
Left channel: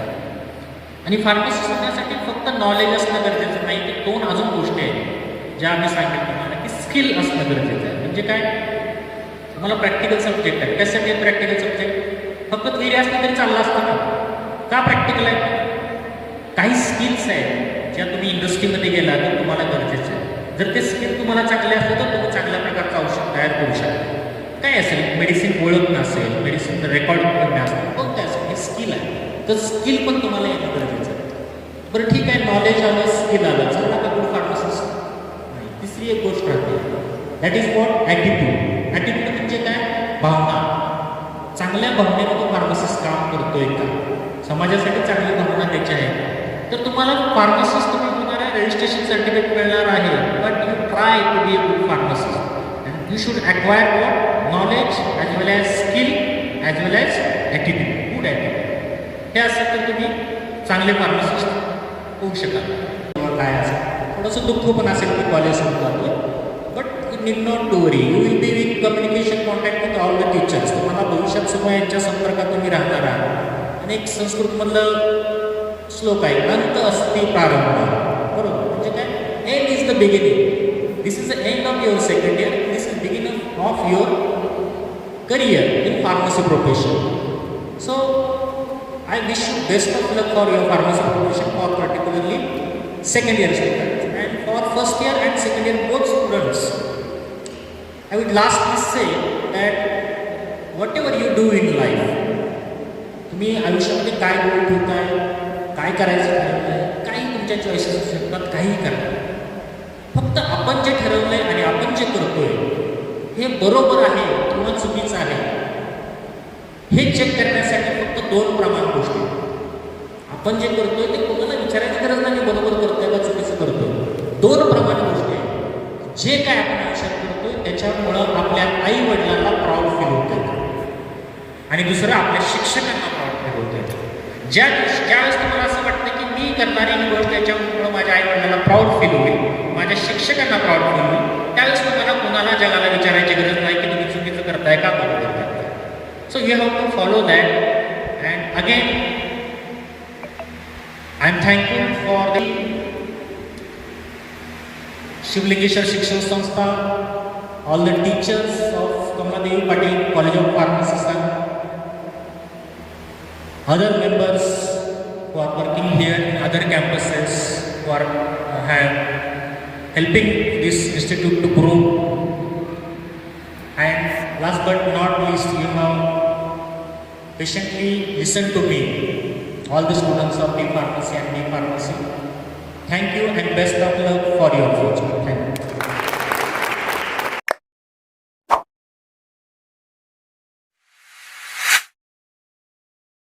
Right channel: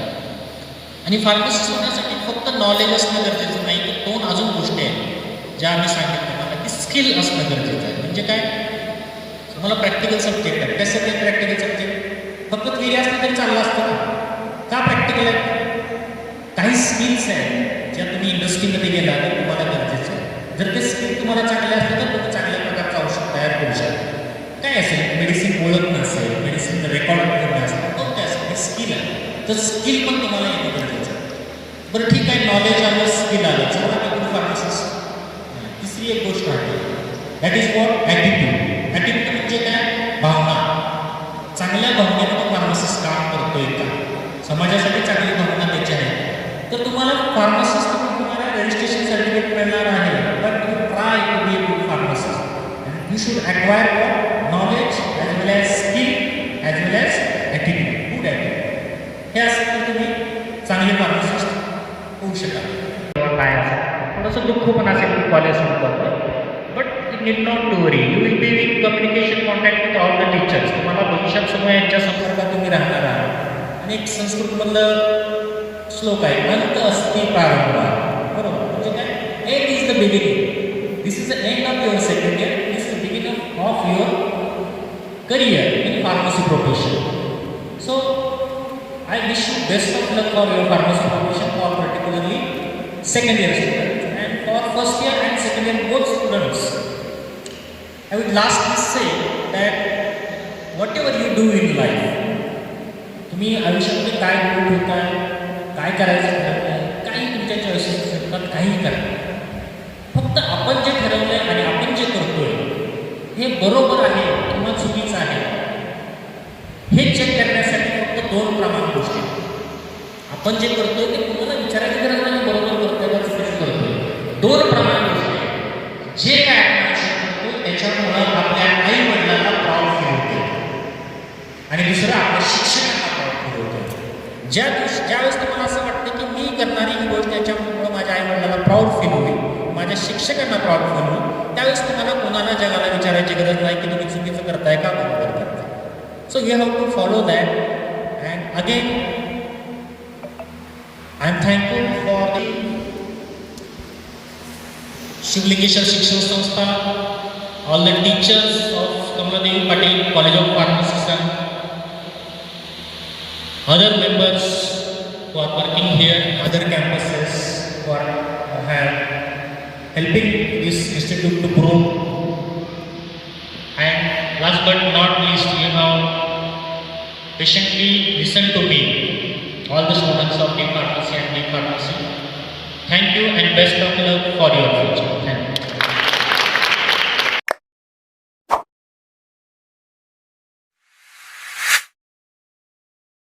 आणि फार्मसिस्ट होण्यासाठी फक्त नॉलेज असणं गरजेचं नाही, तर दोन अजून गोष्टी आहेत ज्या आम्ही सांगितलं मला की स्किल असणं गरजेचं आहे. म्हणजे काय, मला प्रॅक्टिकल सब्जेक्ट आहे, त्यासाठी प्रॅक्टिकल सब्जेक्ट फक्त थिअरी असलं तरी चाललं असतं का प्रॅक्टिकल आहे? काही स्किल्स आहेत ज्या तुम्ही इंडस्ट्रीमध्ये गेला तर तुम्हाला गरजेचं आहे. जर ते स्किल तुम्हाला चांगले असलं तर तुम्ही चांगल्या प्रकारचं औषध तयार करू शकता. काय असेल, मेडिसिन ओळख नसेल, मेडिसिन रेकॉर्ड ठेवणं असेल, कोणतं असेल, हे स्किल आहे. तर स्किल पण तुम्हाला येणं गरजेचं आहे. बरं ठीक आहे, नॉलेज आलं, स्किल आलं, चला आपण फार्मसिस्ट. तिसरी एक गोष्ट आहे, that is what attitude. Attitude म्हणजे काय? भावना. चांगल्या भावनेमध्ये फार्मसिस्ट काम करतोय का? समाजासाठी चांगली भावना त्याची आहे तर तुम्हाला फार्मसिस्ट तुम्ही होणार आहे, रजिस्ट्रेशन सर्टिफिकेट मिळणार आहे. But you try to be a good pharmacist and you should acquire what knowledge as well as skill as well as attitude, good attitude. हे असं तर तुम्ही चांगले फार्मसिस्ट होऊ शकाल. काय असेल थोडंसं दुःख पण असेल की कॉलेज संपतो आपलं, but need not to worry. You will be with communication contact with all the teachers. तुम्हाला भविष्यात सुद्धा यांच्या संपर्कात तुम्ही राहणार आहात. आणि एक संस्कृतमधलं श्लोक आहे, अंत अस्ति प्रारंभ, बरोबर. म्हणजे काय, end is the beginning. This is the end of your second year, this is beginning of your career in pharmacy profession. So I wish you best of luck for your pharmacy profession, or particularly second year students, and for first year and second year both students. I would lastly say that whatever you do in life, तुम्ही आयुष्यामध्ये काय गोल ठेवताय, काय करायचं ठरवलंय, काही तुमच्या choices असतात, काही करा. फक्त आपण जे ठरवलंय आणि आपण जे करतोय हे बरोबर आहे किंवा चुकीचं आहे हे चेक करण्यासाठी दोन प्रमाण गोष्टी. आपण जे करतोय ते कोणाला विचारायची गरज नाही, बरोबर करतोय का चुकीचं करतोय. दोन प्रमाण गोष्टी आहेत. जे काय आपण आयुष्यात करतो त्याच्यामुळं आपल्या आई वडिलांना प्राऊड फील होतं आणि दुसरं आपल्या शिक्षकांना प्राऊड फील होतं. ज्यावेळेस तुम्हाला असं वाटतं की मी करणारी ही गोष्ट त्याच्यामुळं माझ्या आई वडिलांना प्राऊड फील होईल, माझ्या शिक्षकांना प्राऊड फील होईल, त्यावेळेस तुम्हाला कोणाला जगाला विचारायची गरज नाही की तुम्ही चुकीचं करताय का बरोबर करताय. So you have to follow that. And again I am thankful for the Shivalingeshwar शिक्षण संस्था, all the teachers of Kamaladevi Patil College of Pharmacy, other members who are working here in other campuses who are helping this institute to grow. And last but not least, you have patiently listened to me, all the students of D Pharmacy and D Pharmacy. Thank you and best of